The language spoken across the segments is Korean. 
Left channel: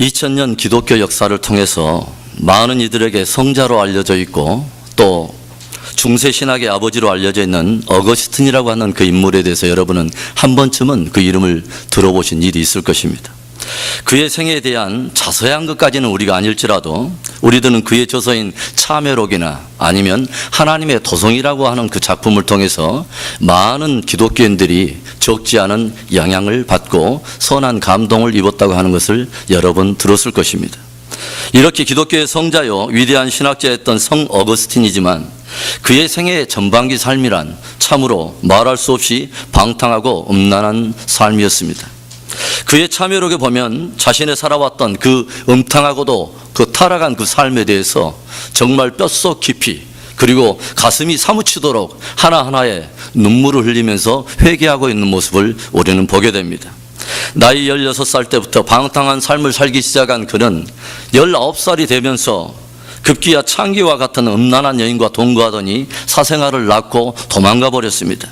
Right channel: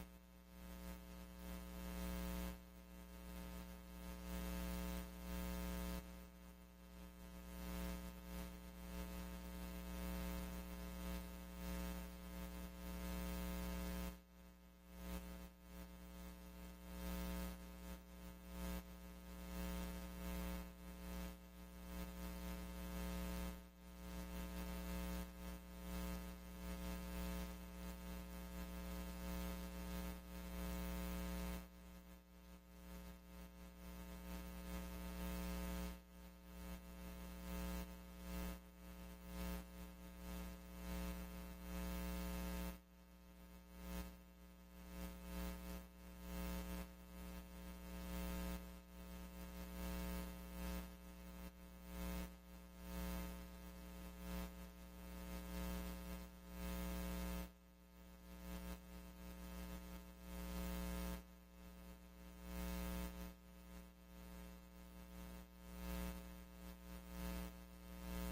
2000년 기독교 역사를 통해서 많은 이들에게 성자로 알려져 있고 또 중세 신학의 아버지로 알려져 있는 어거스틴이라고 하는 그 인물에 대해서 여러분은 한 번쯤은 그 이름을 들어보신 일이 있을 것입니다. 그의 생애에 대한 자세한 것까지는 우리가 아닐지라도 우리들은 그의 저서인 참회록이나 아니면 하나님의 도성이라고 하는 그 작품을 통해서 많은 기독교인들이 적지 않은 영향을 받고 선한 감동을 입었다고 하는 것을 여러 번 들었을 것입니다. 이렇게 기독교의 성자요 위대한 신학자였던 성 어거스틴이지만 그의 생애의 전반기 삶이란 참으로 말할 수 없이 방탕하고 음란한 삶이었습니다. 그의 참회록에 보면 자신의 살아왔던 그 음탕하고도 그 타락한 그 삶에 대해서 정말 뼛속 깊이 그리고 가슴이 사무치도록 하나하나의 눈물을 흘리면서 회개하고 있는 모습을 우리는 보게 됩니다. 나이 16살 때부터 방탕한 삶을 살기 시작한 그는 19살이 되면서 급기야 창기와 같은 음란한 여인과 동거하더니 사생활을 낳고 도망가 버렸습니다.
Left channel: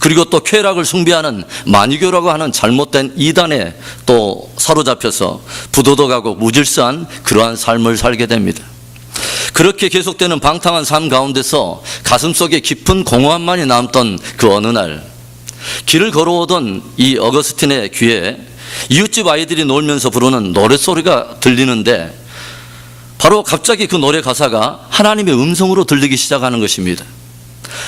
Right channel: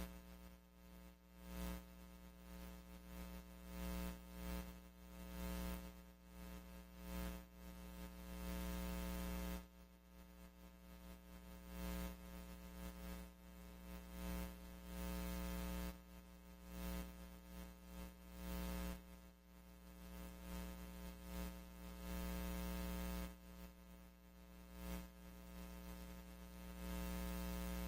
그리고 또 쾌락을 숭배하는 마니교라고 하는 잘못된 이단에 또 사로잡혀서 부도덕하고 무질서한 그러한 삶을 살게 됩니다. 그렇게 계속되는 방탕한 삶 가운데서 가슴속에 깊은 공허함만이 남던 그 어느 날 길을 걸어오던 이 어거스틴의 귀에 이웃집 아이들이 놀면서 부르는 노랫소리가 들리는데 바로 갑자기 그 노래 가사가 하나님의 음성으로 들리기 시작하는 것입니다.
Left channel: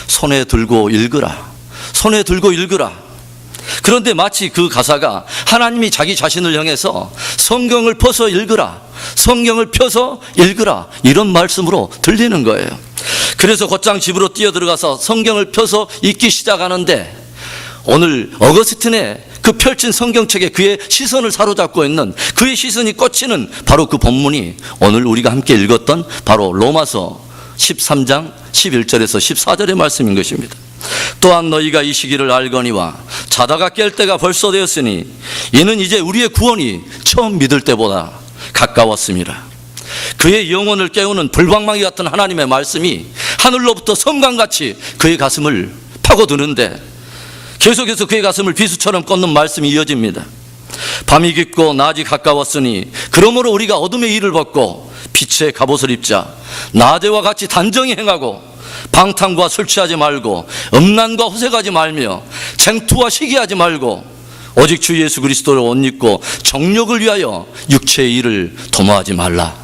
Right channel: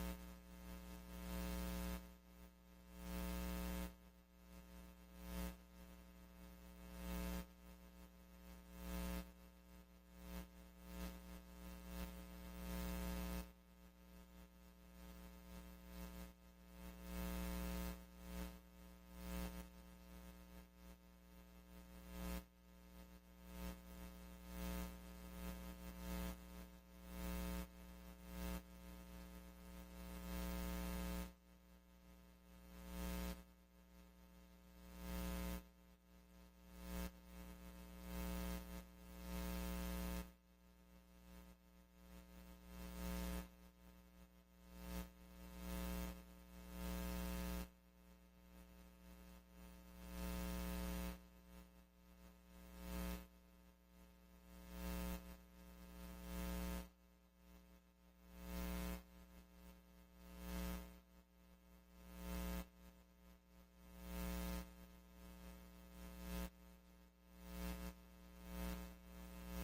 손에 들고 읽으라. 손에 들고 읽으라. 그런데 마치 그 가사가 하나님이 자기 자신을 향해서 성경을 펴서 읽으라. 성경을 펴서 읽으라. 이런 말씀으로 들리는 거예요. 그래서 곧장 집으로 뛰어들어가서 성경을 펴서 읽기 시작하는데 오늘 어거스틴의 그 펼친 성경책에 그의 시선을 사로잡고 있는 그의 시선이 꽂히는 바로 그 본문이 오늘 우리가 함께 읽었던 바로 로마서 13장 11절에서 14절의 말씀인 것입니다. 또한 너희가 이 시기를 알거니와 자다가 깰 때가 벌써 되었으니 이는 이제 우리의 구원이 처음 믿을 때보다 가까웠습니다. 그의 영혼을 깨우는 불방망이 같은 하나님의 말씀이 하늘로부터 섬광같이 그의 가슴을 파고드는데 계속해서 그의 가슴을 비수처럼 꽂는 말씀이 이어집니다. 밤이 깊고 낮이 가까웠으니 그러므로 우리가 어둠의 일을 벗고 빛의 갑옷을 입자. 낮에와 같이 단정히 행하고 방탕과 술 취하지 말고 음란과 호색하지 말며 쟁투와 시기하지 말고 오직 주 예수 그리스도를 옷 입고 정욕을 위하여 육체의 일을 도모하지 말라.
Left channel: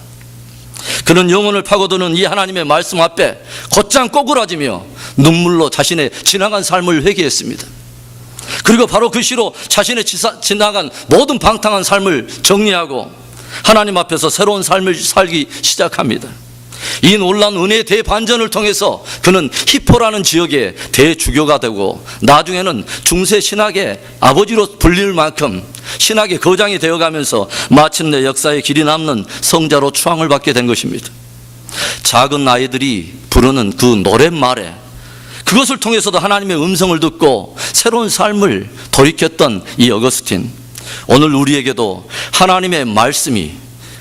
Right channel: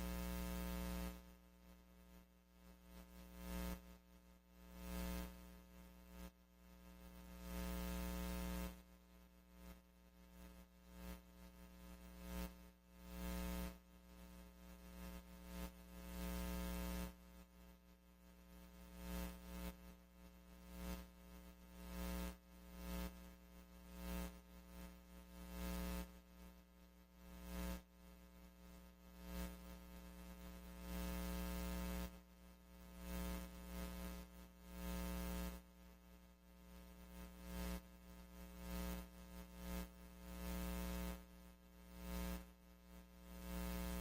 그는 영혼을 파고드는 이 하나님의 말씀 앞에 곧장 꼬꾸라지며 눈물로 자신의 지나간 삶을 회개했습니다. 그리고 바로 그 시로 자신의 지나간 모든 방탕한 삶을 정리하고 하나님 앞에서 새로운 삶을 살기 시작합니다. 이 놀라운 은혜의 대반전을 통해서 그는 히포라는 지역의 대주교가 되고 나중에는 중세 신학의 아버지로 불릴 만큼 신학의 거장이 되어가면서 마침내 역사의 길이 남는 성자로 추앙을 받게 된 것입니다. 작은 아이들이 부르는 그 노랫말에 그것을 통해서도 하나님의 음성을 듣고 새로운 삶을 돌이켰던 이 어거스틴, 오늘 우리에게도 하나님의 말씀이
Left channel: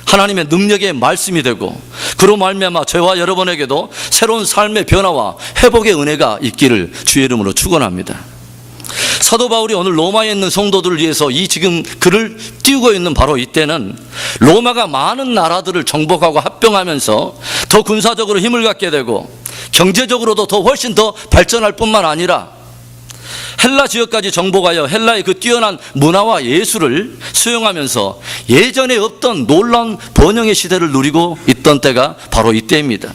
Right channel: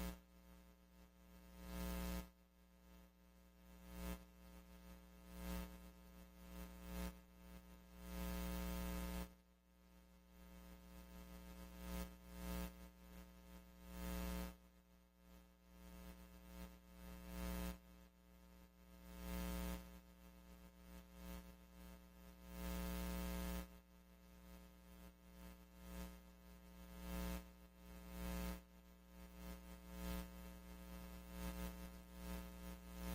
하나님의 능력의 말씀이 되고 그로 말미암아 저와 여러분에게도 새로운 삶의 변화와 회복의 은혜가 있기를 주의 이름으로 축원합니다. 사도 바울이 오늘 로마에 있는 성도들을 위해서 이 지금 글을 띄우고 있는 바로 이때는 로마가 많은 나라들을 정복하고 합병하면서 더 군사적으로 힘을 갖게 되고 경제적으로도 더 훨씬 더 발전할 뿐만 아니라 헬라 지역까지 정복하여 헬라의 그 뛰어난 문화와 예술을 수용하면서 예전에 없던 놀라운 번영의 시대를 누리고 있던 때가 바로 이때입니다.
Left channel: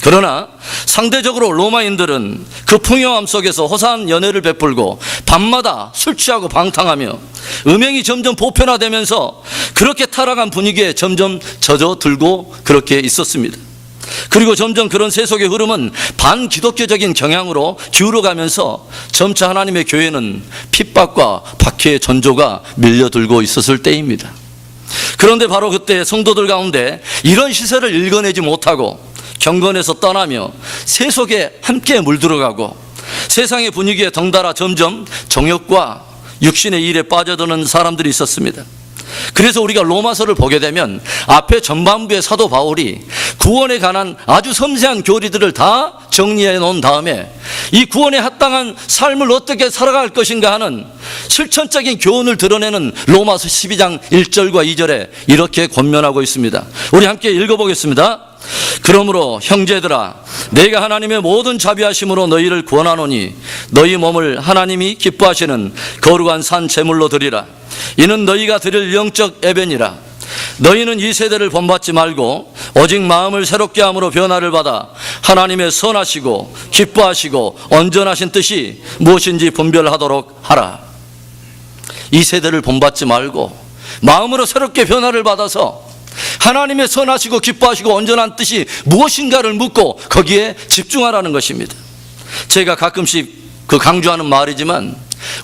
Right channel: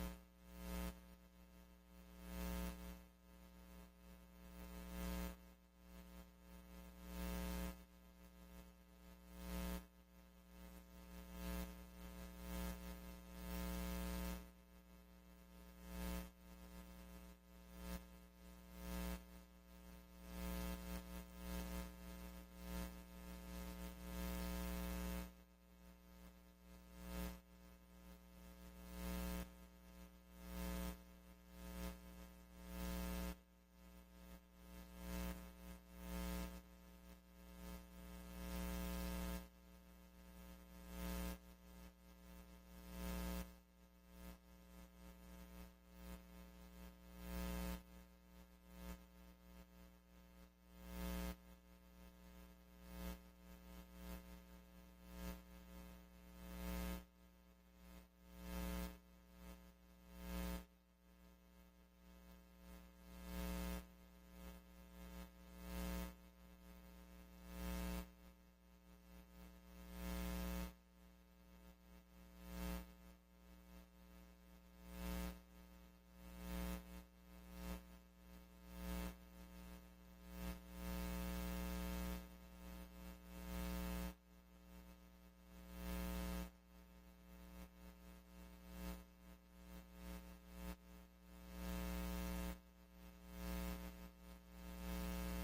그러나 상대적으로 로마인들은 그 풍요함 속에서 호사한 연애를 베풀고 밤마다 술 취하고 방탕하며 음행이 점점 보편화되면서 그렇게 타락한 분위기에 점점 젖어들고 그렇게 있었습니다. 그리고 점점 그런 세속의 흐름은 반기독교적인 경향으로 기울어가면서 점차 하나님의 교회는 핍박과 박해의 전조가 밀려들고 있었을 때입니다. 그런데 바로 그때 성도들 가운데 이런 시세를 읽어내지 못하고 경건에서 떠나며 세속에 함께 물들어가고 세상의 분위기에 덩달아 점점 정욕과 육신의 일에 빠져드는 사람들이 있었습니다. 그래서 우리가 로마서를 보게 되면 앞에 전반부에 사도 바울이 구원에 관한 아주 섬세한 교리들을 다 정리해 놓은 다음에 이 구원에 합당한 삶을 어떻게 살아갈 것인가 하는 실천적인 교훈을 드러내는 로마서 12장 1절과 2절에 이렇게 권면하고 있습니다. 우리 함께 읽어보겠습니다. 그러므로 형제들아, 내가 하나님의 모든 자비하심으로 너희를 구원하노니 너희 몸을 하나님이 기뻐하시는 거룩한 산 제물로 드리라. 이는 너희가 드릴 영적 예배니라. 너희는 이 세대를 본받지 말고 오직 마음을 새롭게 함으로 변화를 받아 하나님의 선하시고 기뻐하시고 온전하신 뜻이 무엇인지 분별하도록 하라. 이 세대를 본받지 말고 마음으로 새롭게 변화를 받아서 하나님의 선하시고 기뻐하시고 온전한 뜻이 무엇인가를 묻고 거기에 집중하라는 것입니다. 제가 가끔씩 강조하는 말이지만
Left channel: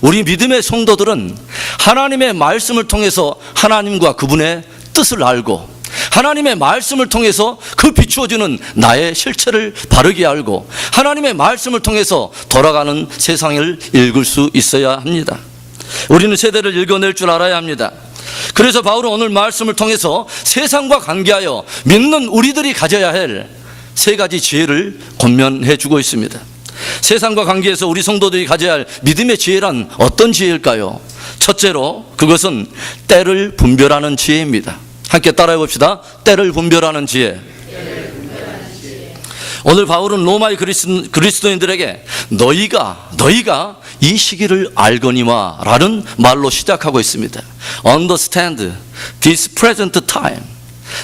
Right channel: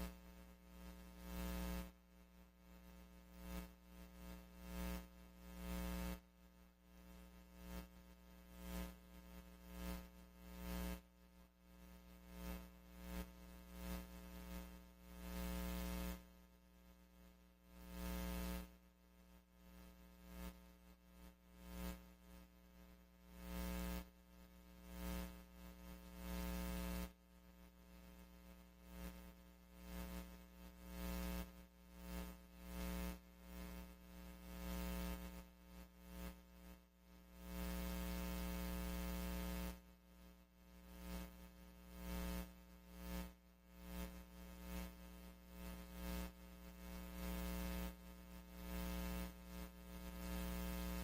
우리 믿음의 성도들은 하나님의 말씀을 통해서 하나님과 그분의 뜻을 알고 하나님의 말씀을 통해서 그 비추어주는 나의 실체를 바르게 알고 하나님의 말씀을 통해서 돌아가는 세상을 읽을 수 있어야 합니다. 우리는 세대를 읽어낼 줄 알아야 합니다. 그래서 바울은 오늘 말씀을 통해서 세상과 관계하여 믿는 우리들이 가져야 할 세 가지 지혜를 권면해 주고 있습니다. 세상과 관계에서 우리 성도들이 가져야 할 믿음의 지혜란 어떤 지혜일까요? 첫째로 그것은 때를 분별하는 지혜입니다. 함께 따라해 봅시다. 때를 분별하는 지혜. 오늘 바울은 로마의 그리스도인들에게 너희가 이 시기를 알거니와 라는 말로 시작하고 있습니다. Understand this present time.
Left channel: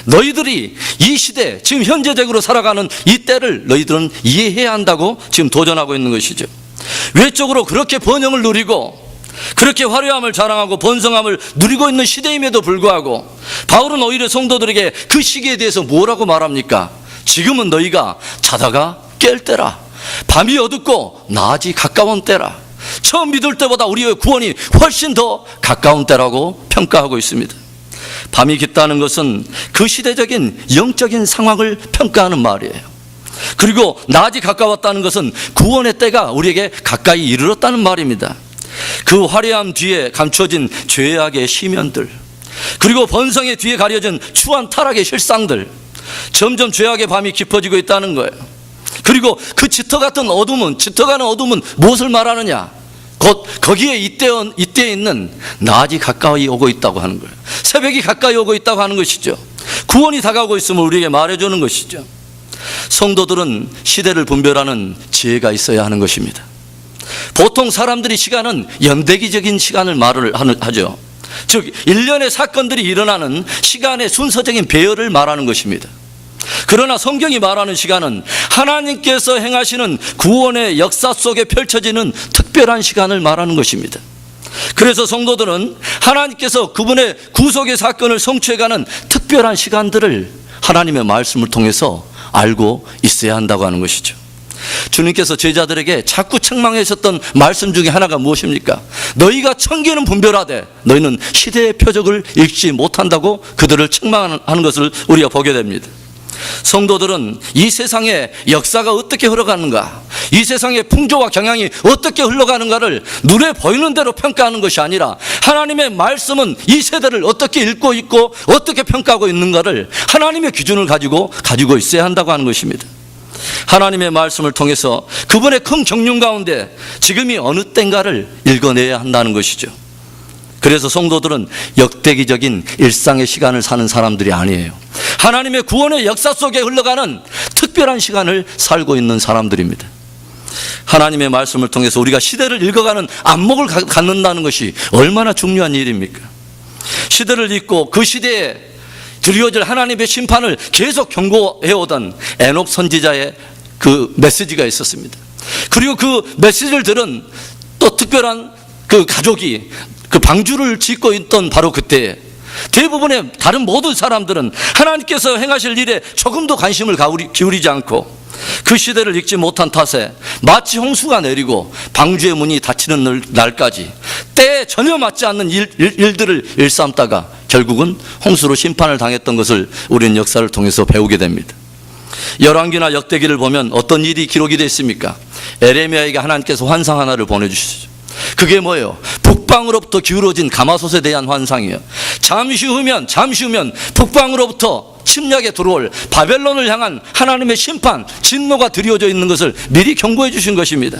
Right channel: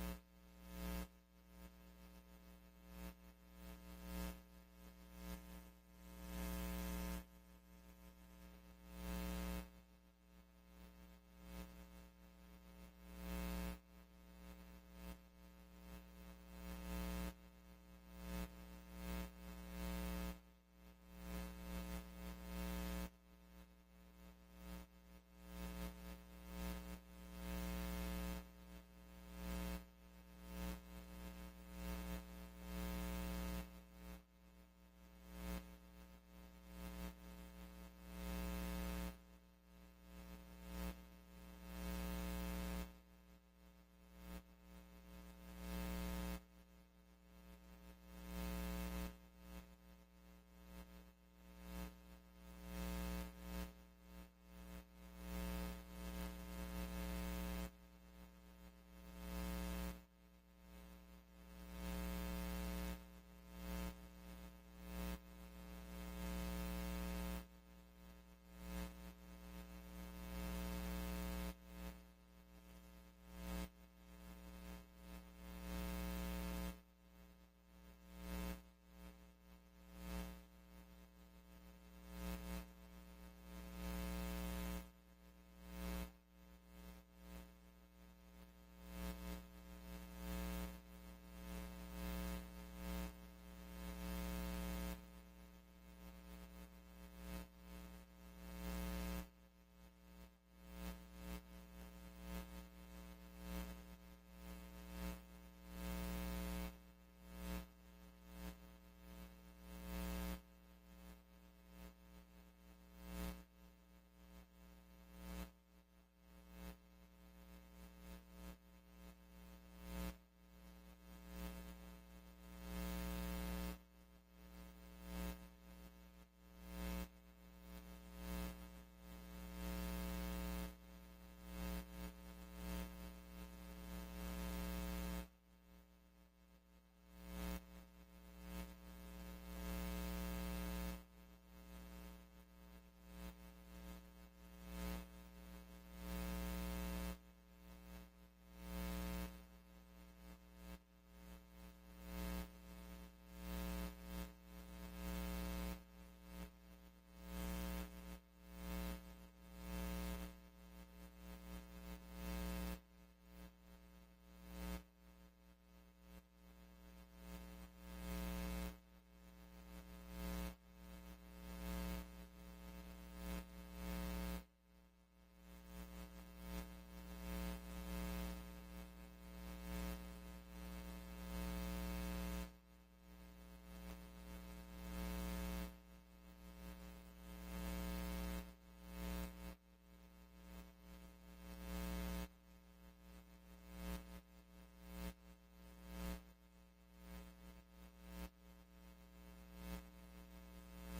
너희들이 이 시대, 지금 현재적으로 살아가는 이 때를 너희들은 이해해야 한다고 지금 도전하고 있는 것이죠. 외적으로 그렇게 번영을 누리고 그렇게 화려함을 자랑하고 번성함을 누리고 있는 시대임에도 불구하고 바울은 오히려 성도들에게 그 시기에 대해서 뭐라고 말합니까? 지금은 너희가 자다가 깰 때라. 밤이 어둡고 낮이 가까운 때라. 처음 믿을 때보다 우리의 구원이 훨씬 더 가까운 때라고 평가하고 있습니다. 밤이 깊다는 것은 그 시대적인 영적인 상황을 평가하는 말이에요. 그리고 낮이 가까웠다는 것은 구원의 때가 우리에게 가까이 이르렀다는 말입니다. 그 화려함 뒤에 감춰진 죄악의 시면들, 그리고 번성의 뒤에 가려진 추한 타락의 실상들, 점점 죄악의 밤이 깊어지고 있다는 거예요. 그리고 그 짙어가는 어둠은 무엇을 말하느냐? 곧 거기에 이때에 있는 낮이 가까이 오고 있다고 하는 거예요. 새벽이 가까이 오고 있다고 하는 것이죠. 구원이 다가오고 있음을 우리에게 말해주는 것이죠. 성도들은 시대를 분별하는 지혜가 있어야 하는 것입니다. 보통 사람들이 시간은 연대기적인 시간을 말을 하죠. 즉 1년의 사건들이 일어나는 시간의 순서적인 배열을 말하는 것입니다. 그러나 성경이 말하는 시간은 하나님께서 행하시는 구원의 역사 속에 펼쳐지는 특별한 시간을 말하는 것입니다. 그래서 성도들은 하나님께서 그분의 구속의 사건을 성취해가는 특별한 시간들을 하나님의 말씀을 통해서 알고 있어야 한다고 하는 것이죠. 주님께서 제자들에게 자꾸 책망하셨던 말씀 중에 하나가 무엇입니까? 너희가 천기는 분별하되 너희는 시대의 표적을 읽지 못한다고 그들을 책망하는 것을 우리가 보게 됩니다. 성도들은 이 세상의 역사가 어떻게 흘러가는가, 이 세상의 풍조와 경향이 어떻게 흘러가는가를 눈에 보이는 대로 평가하는 것이 아니라 하나님의 말씀은 이 세대를 어떻게 읽고 있고 어떻게 평가하고 있는가를 하나님의 기준을 가지고 있어야 한다고 하는 것입니다. 하나님의 말씀을 통해서 그분의 큰 경륜 가운데 지금이 어느 때인가를 읽어내야 한다는 것이죠. 그래서 성도들은 역대기적인 일상의 시간을 사는 사람들이 아니에요. 하나님의 구원의 역사 속에 흘러가는 특별한 시간을 살고 있는 사람들입니다. 하나님의 말씀을 통해서 우리가 시대를 읽어가는 안목을 갖는다는 것이 얼마나 중요한 일입니까? 시대를 읽고 그 시대에 드리워질 하나님의 심판을 계속 경고해오던 에녹 선지자의 그 메시지가 있었습니다. 그리고 그 메시지를 들은 또 특별한 그 가족이 그 방주를 짓고 있던 바로 그때 대부분의 다른 모든 사람들은 하나님께서 행하실 일에 조금도 관심을 기울이지 않고 그 시대를 읽지 못한 탓에 마치 홍수가 내리고 방주의 문이 닫히는 날까지 때에 전혀 맞지 않는 일들을 일삼다가 결국은 홍수로 심판을 당했던 것을 우리는 역사를 통해서 배우게 됩니다. 열왕기나 역대기를 보면 어떤 일이 기록이 되어 있습니까? 에레미야에게 하나님께서 환상 하나를 보내주시죠. 그게 뭐예요? 북방으로부터 기울어진 가마솥에 대한 환상이에요. 잠시 후면 북방으로부터 침략에 들어올 바벨론을 향한 하나님의 심판, 진노가 드리워져 있는 것을 미리 경고해 주신 것입니다.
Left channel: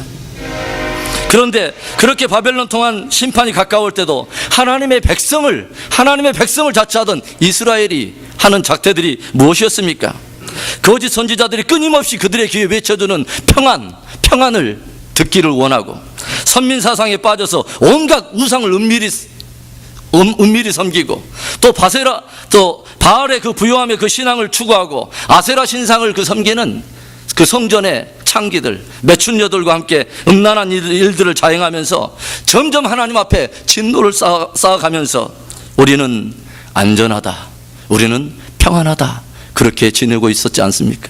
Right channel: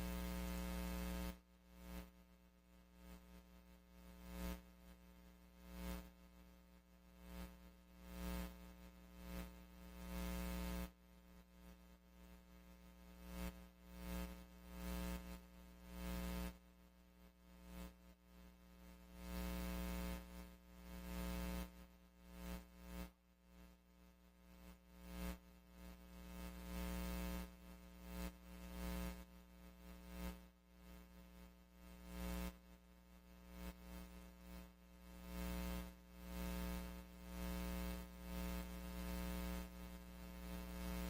그런데 그렇게 바벨론 통한 심판이 가까울 때도 하나님의 백성을 자처하던 이스라엘이 하는 작태들이 무엇이었습니까? 거짓 선지자들이 끊임없이 그들의 귀에 외쳐주는 평안을 듣기를 원하고, 선민 사상에 빠져서 온갖 우상을 은밀히 섬기고, 또 바알의 그 부요함의 그 신앙을 추구하고 아세라 신상을 섬기는 그 성전의 창기들, 매춘녀들과 함께 음란한 일들을 자행하면서 점점 하나님 앞에 진노를 쌓아가면서 우리는 안전하다, 우리는 평안하다, 그렇게 지내고 있었지 않습니까?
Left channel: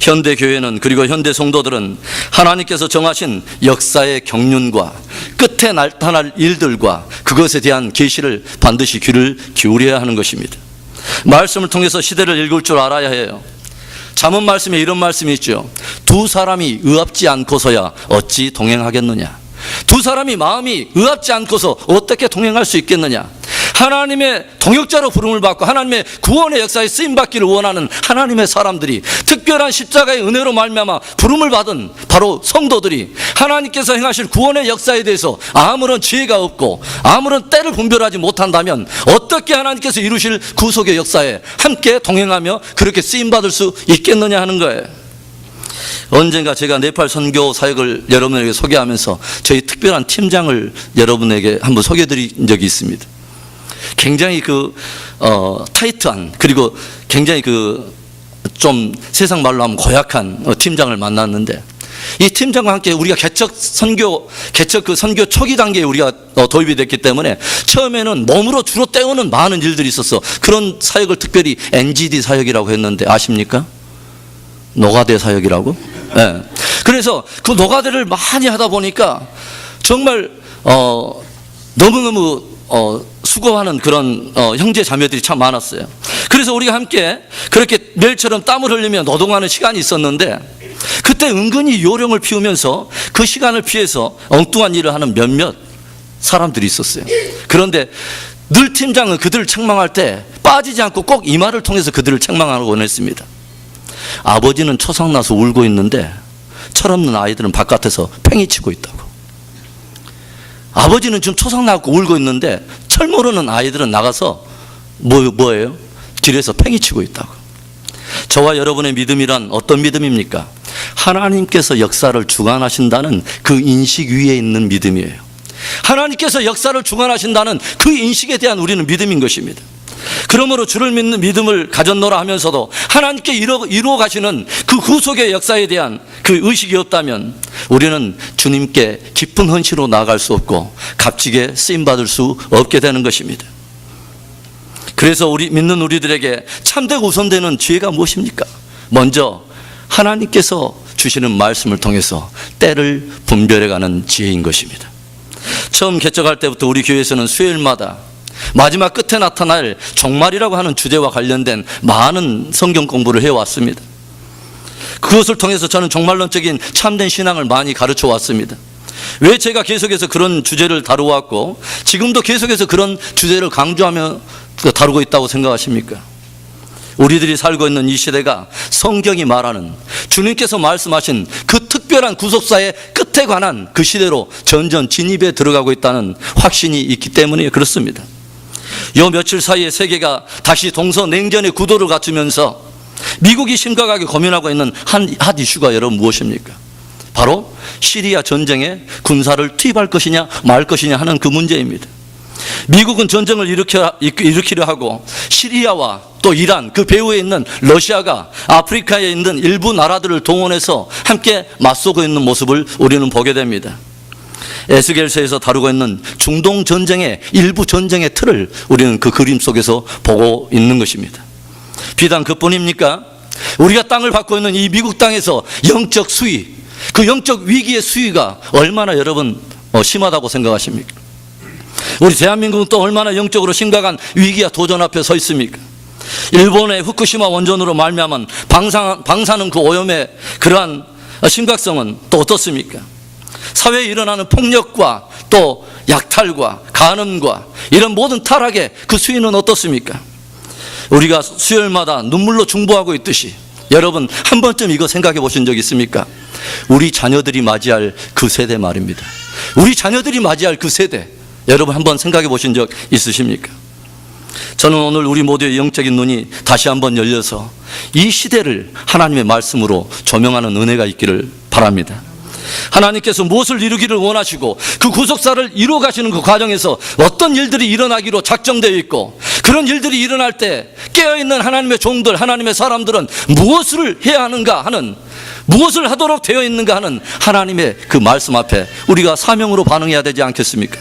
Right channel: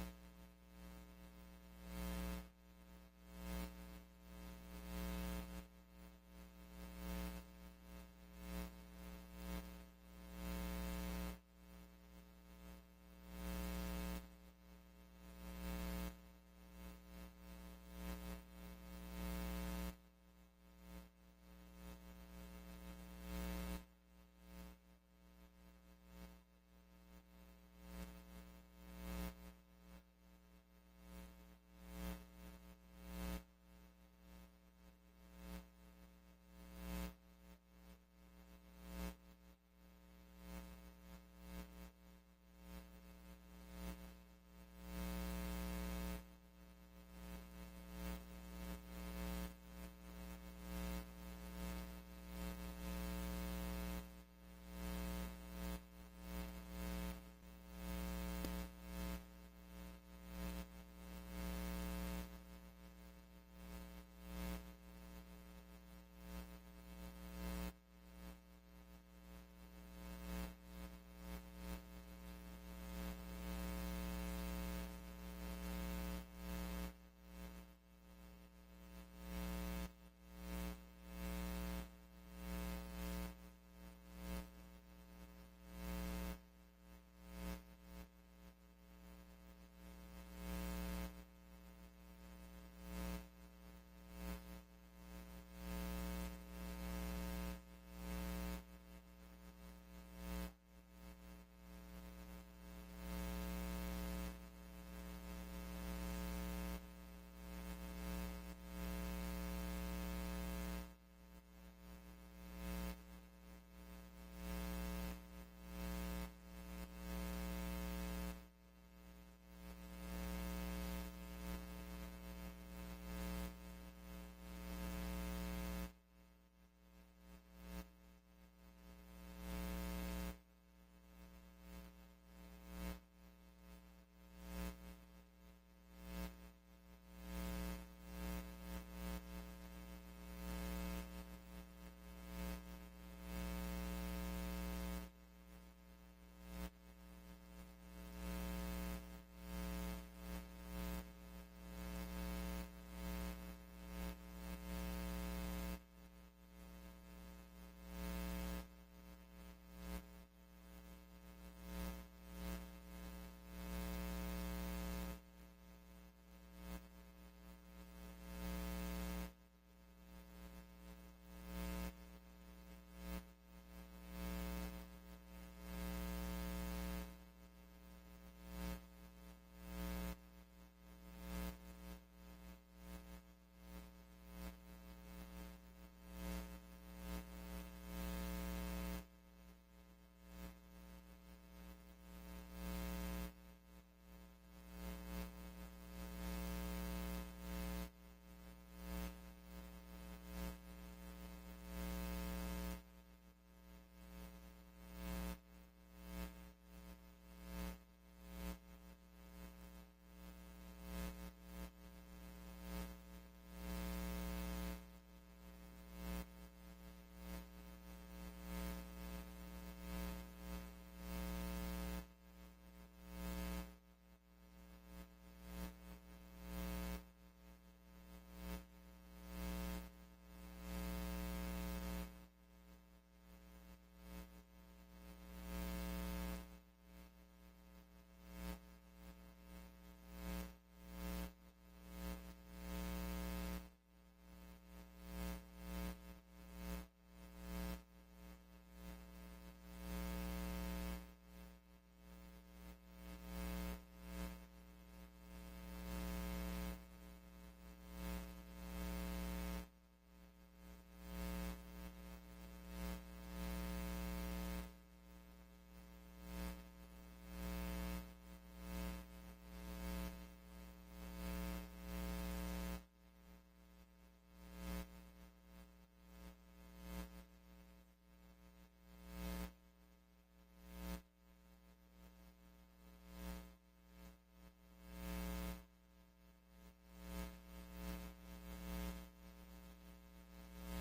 현대 교회는, 그리고 현대 성도들은 하나님께서 정하신 역사의 경륜과 끝에 나타날 일들과 그것에 대한 계시를 반드시 귀를 기울여야 하는 것입니다. 말씀을 통해서 시대를 읽을 줄 알아야 해요. 잠언 말씀에 이런 말씀이 있죠. 두 사람이 의합지 않고서야 어찌 동행하겠느냐. 두 사람이 마음이 의합지 않고서 어떻게 동행할 수 있겠느냐. 하나님의 동역자로 부름을 받고 하나님의 구원의 역사에 쓰임받기를 원하는 하나님의 사람들이, 특별한 십자가의 은혜로 말미암아 부름을 받은 바로 성도들이 하나님께서 행하실 구원의 역사에 대해서 아무런 지혜가 없고 아무런 때를 분별하지 못한다면 어떻게 하나님께서 이루실 구속의 역사에 함께 동행하며 그렇게 쓰임받을 수 있겠느냐 하는 거예요. 언젠가 제가 네팔 선교 사역을 여러분에게 소개하면서 저희 특별한 팀장을 여러분에게 한번 소개해드린 적이 있습니다. 굉장히 타이트한, 그리고 굉장히 좀 세상 말로 하면 고약한 팀장을 만났는데, 이 팀장과 함께 우리가 개척 선교 초기 단계에 우리가 도입이 됐기 때문에 처음에는 몸으로 주로 때우는 많은 일들이 있었어. 그런 사역을 특별히 NGD 사역이라고 했는데 아십니까? 노가대 사역이라고? 네. 그래서 그 노가대를 많이 하다 보니까 정말 너무너무 수고하는 그런 형제 자매들이 참 많았어요. 그래서 우리가 함께 그렇게 매일처럼 땀을 흘리며 노동하는 시간이 있었는데, 그때 은근히 요령을 피우면서 그 시간을 피해서 엉뚱한 일을 하는 몇몇 사람들이 있었어요. 그런데 늘 팀장은 그들을 책망할 때 빠지지 않고 꼭 이 말을 통해서 그들을 책망하곤 했습니다. 아버지는 초상나서 울고 있는데 철없는 아이들은 바깥에서 팽이치고 있다고. 아버지는 지금 초상나고 울고 있는데 철 모르는 아이들은 나가서 뭐예요? 길에서 팽이치고 있다고. 저와 여러분의 믿음이란 어떤 믿음입니까? 하나님께서 역사를 주관하신다는 그 인식 위에 있는 믿음이에요. 하나님께서 역사를 주관하신다는 그 인식에 대한 우리는 믿음인 것입니다. 그러므로 주를 믿는 믿음을 가졌노라 하면서도 하나님께 이루어 가시는 그 구속의 역사에 대한 그 의식이 없다면 우리는 주님께 깊은 헌신으로 나아갈 수 없고 값지게 쓰임받을 수 없게 되는 것입니다. 그래서 믿는 우리들에게 참되고 우선되는 지혜가 무엇입니까? 먼저 하나님께서 주시는 말씀을 통해서 때를 분별해가는 지혜인 것입니다. 처음 개척할 때부터 우리 교회에서는 수요일마다 마지막 끝에 나타날 종말이라고 하는 주제와 관련된 많은 성경 공부를 해왔습니다. 그것을 통해서 저는 종말론적인 참된 신앙을 많이 가르쳐 왔습니다. 왜 제가 계속해서 그런 주제를 다루어왔고 지금도 계속해서 그런 주제를 강조하며 다루고 있다고 생각하십니까? 우리들이 살고 있는 이 시대가 성경이 말하는, 주님께서 말씀하신 그 특별한 구속사의 끝에 관한 그 시대로 전전 진입에 들어가고 있다는 확신이 있기 때문에 그렇습니다. 요 며칠 사이에 세계가 다시 동서냉전의 구도를 갖추면서 미국이 심각하게 고민하고 있는 한 이슈가 여러분 무엇입니까? 바로 시리아 전쟁에 군사를 투입할 것이냐 말 것이냐 하는 그 문제입니다. 미국은 전쟁을 일으키려 하고 시리아와 또 이란, 그 배후에 있는 러시아가 아프리카에 있는 일부 나라들을 동원해서 함께 맞서고 있는 모습을 우리는 보게 됩니다. 에스겔서에서 다루고 있는 중동 전쟁의 일부 전쟁의 틀을 우리는 그 그림 속에서 보고 있는 것입니다. 비단 그뿐입니까? 우리가 땅을 받고 있는 이 미국 땅에서 영적 수위, 그 영적 위기의 수위가 얼마나 여러분 심하다고 생각하십니까? 우리 대한민국은 또 얼마나 영적으로 심각한 위기와 도전 앞에 서 있습니까? 일본의 후쿠시마 원전으로 말미암은 방사능 그 오염의 그러한 심각성은 또 어떻습니까? 사회에 일어나는 폭력과 또 약탈과 간음과 이런 모든 타락의 그 수위는 어떻습니까? 우리가 수요일마다 눈물로 중보하고 있듯이 여러분 한 번쯤 이거 생각해 보신 적 있습니까? 우리 자녀들이 맞이할 그 세대 말입니다. 우리 자녀들이 맞이할 그 세대, 여러분 한번 생각해 보신 적 있으십니까? 저는 오늘 우리 모두의 영적인 눈이 다시 한번 열려서 이 시대를 하나님의 말씀으로 조명하는 은혜가 있기를 바랍니다. 하나님께서 무엇을 이루기를 원하시고 그 구속사를 이루어 가시는 그 과정에서 어떤 일들이 일어나기로 작정되어 있고, 그런 일들이 일어날 때 깨어있는 하나님의 종들, 하나님의 사람들은 무엇을 해야 하는가 하는, 무엇을 하도록 되어 있는가 하는 하나님의 그 말씀 앞에 우리가 사명으로 반응해야 되지 않겠습니까?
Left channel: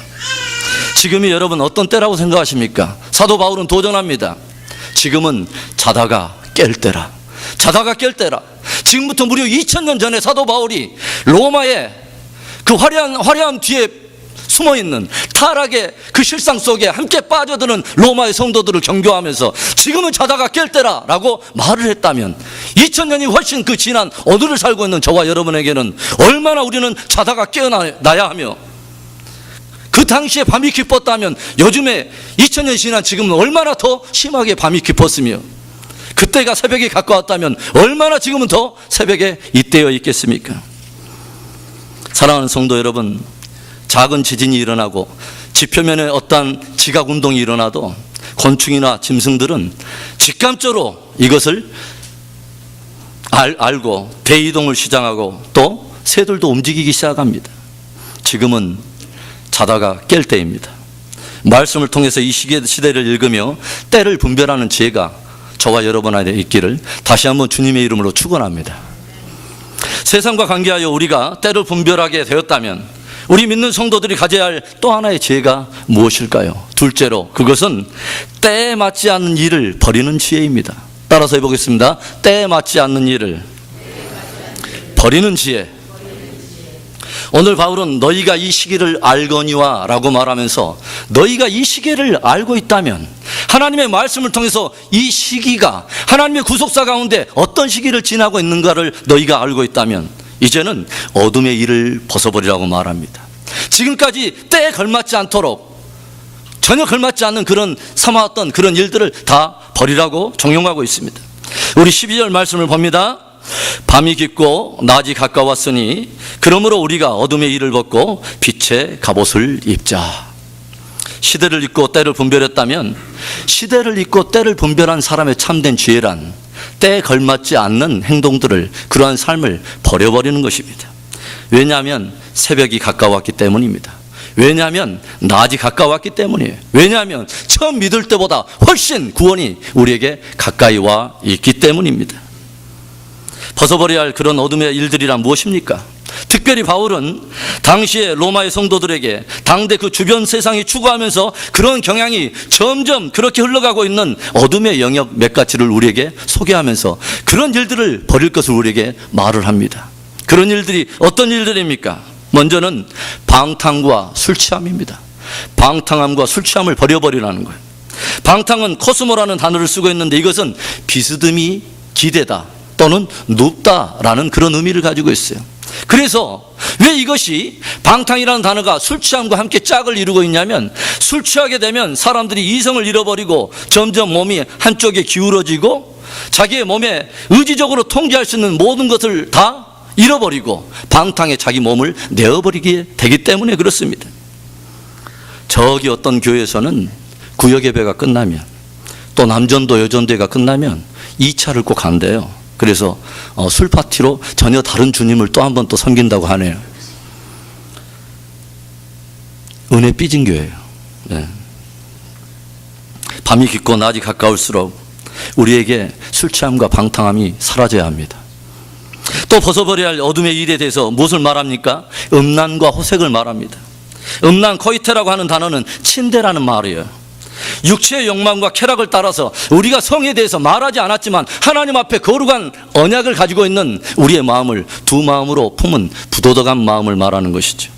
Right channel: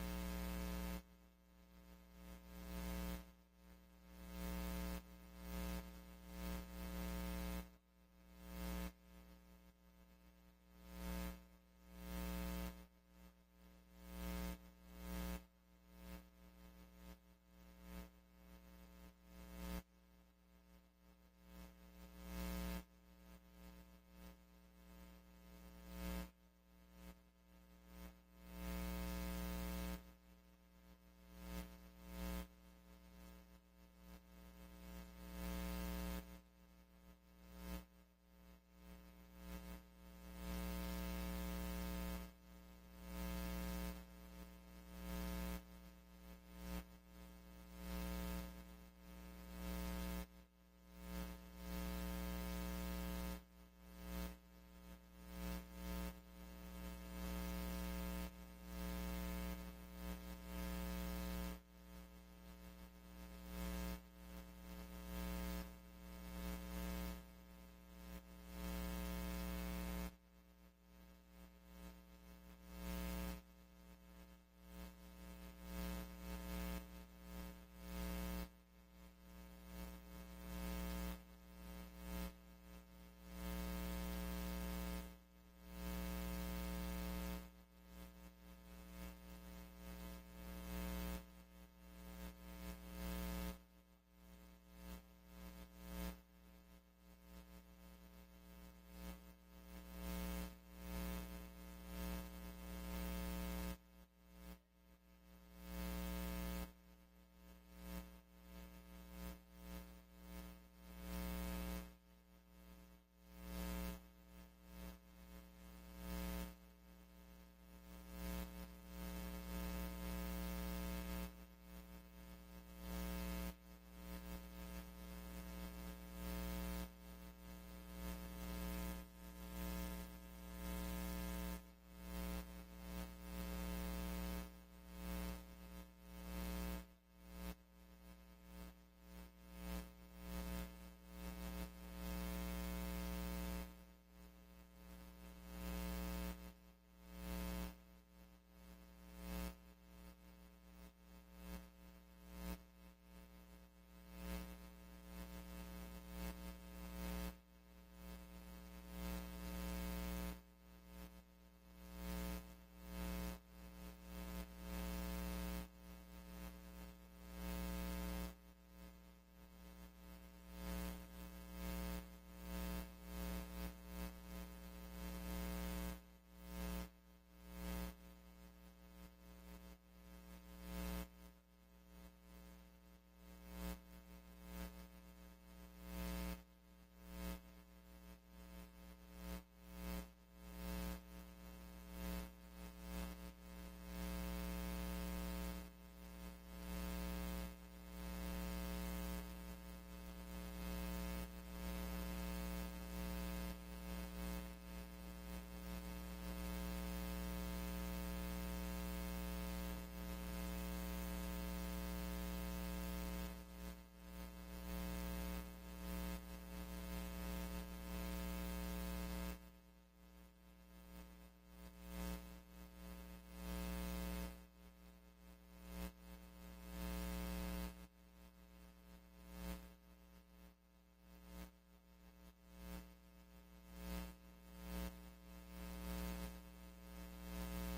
지금이 여러분 어떤 때라고 생각하십니까? 사도 바울은 도전합니다. 지금은 자다가 깰 때라. 자다가 깰 때라. 지금부터 무려 2000년 전에 사도 바울이 로마의 그 화려한 뒤에 숨어있는 타락의 그 실상 속에 함께 빠져드는 로마의 성도들을 경고하면서 지금은 자다가 깰 때라 라고 말을 했다면, 2000년이 훨씬 그 지난 오늘을 살고 있는 저와 여러분에게는 얼마나 우리는 자다가 깨어나야 하며, 그 당시에 밤이 깊었다면 요즘에 2000년이 지난 지금은 얼마나 더 심하게 밤이 깊었으며, 그때가 새벽에 가까웠다면 얼마나 지금은 더 새벽에 잇대어 있겠습니까? 사랑하는 성도 여러분, 작은 지진이 일어나고 지표면에 어떤 지각 운동이 일어나도 곤충이나 짐승들은 직감적으로 이것을 알고 대이동을 시작하고 또 새들도 움직이기 시작합니다. 지금은 자다가 깰 때입니다. 말씀을 통해서 이 시대를 읽으며 때를 분별하는 지혜가 저와 여러분 안에 있기를 다시 한번 주님의 이름으로 축원합니다. 세상과 관계하여 우리가 때를 분별하게 되었다면 우리 믿는 성도들이 가져야 할 또 하나의 지혜가 무엇일까요? 둘째로, 그것은 때에 맞지 않는 일을 버리는 지혜입니다. 따라서 해보겠습니다. 때에 맞지 않는 일을 버리는 지혜. 오늘 바울은 너희가 이 시기를 알거니와 라고 말하면서, 너희가 이 시기를 알고 있다면, 하나님의 말씀을 통해서 이 시기가 하나님의 구속사 가운데 어떤 시기를 지나고 있는가를 너희가 알고 있다면 이제는 어둠의 일을 벗어버리라고 말합니다. 지금까지 때에 걸맞지 않도록 전혀 걸맞지 않는 그런 삼아왔던 그런 일들을 다 버리라고 종용하고 있습니다. 우리 12절 말씀을 봅니다. 밤이 깊고 낮이 가까웠으니 그러므로 우리가 어둠의 일을 벗고 빛의 갑옷을 입자. 시대를 잊고 때를 분별했다면, 시대를 잊고 때를 분별한 사람의 참된 지혜란 때에 걸맞지 않는 행동들을, 그러한 삶을 버려버리는 것입니다. 왜냐하면 새벽이 가까웠기 때문입니다. 왜냐하면 낮이 가까웠기 때문이에요. 왜냐하면 처음 믿을 때보다 훨씬 구원이 우리에게 가까이 와 있기 때문입니다. 벗어버려야 할 그런 어둠의 일들이란 무엇입니까? 특별히 바울은 당시에 로마의 성도들에게 당대 그 주변 세상이 추구하면서 그런 경향이 점점 그렇게 흘러가고 있는 어둠의 영역 몇 가지를 우리에게 소개하면서 그런 일들을 버릴 것을 우리에게 말을 합니다. 그런 일들이 어떤 일들입니까? 먼저는 방탕과 술 취함입니다. 방탕함과 술 취함을 버려버리라는 거예요. 방탕은 코스모라는 단어를 쓰고 있는데, 이것은 비스듬히 기대다 또는 눕다라는 그런 의미를 가지고 있어요. 그래서 왜 이것이 방탕이라는 단어가 술 취함과 함께 짝을 이루고 있냐면, 술 취하게 되면 사람들이 이성을 잃어버리고 점점 몸이 한쪽에 기울어지고 자기의 몸에 의지적으로 통제할 수 있는 모든 것을 다 잃어버리고 방탕에 자기 몸을 내어버리게 되기 때문에 그렇습니다. 저기 어떤 교회에서는 구역 예배가 끝나면, 또 남전도 여전대가 끝나면 2차를 꼭 한대요. 그래서 술 파티로 전혀 다른 주님을 또 한 번 또 섬긴다고 하네요. 은혜 삐진 교회예요. 네. 밤이 깊고 낮이 가까울수록 우리에게 술 취함과 방탕함이 사라져야 합니다. 또 벗어버려야 할 어둠의 일에 대해서 무엇을 말합니까? 음란과 호색을 말합니다. 음란, 코이테라고 하는 단어는 침대라는 말이에요. 육체의 욕망과 쾌락을 따라서 우리가 성에 대해서 말하지 않았지만 하나님 앞에 거룩한 언약을 가지고 있는 우리의 마음을 두 마음으로 품은 부도덕한 마음을 말하는 것이죠.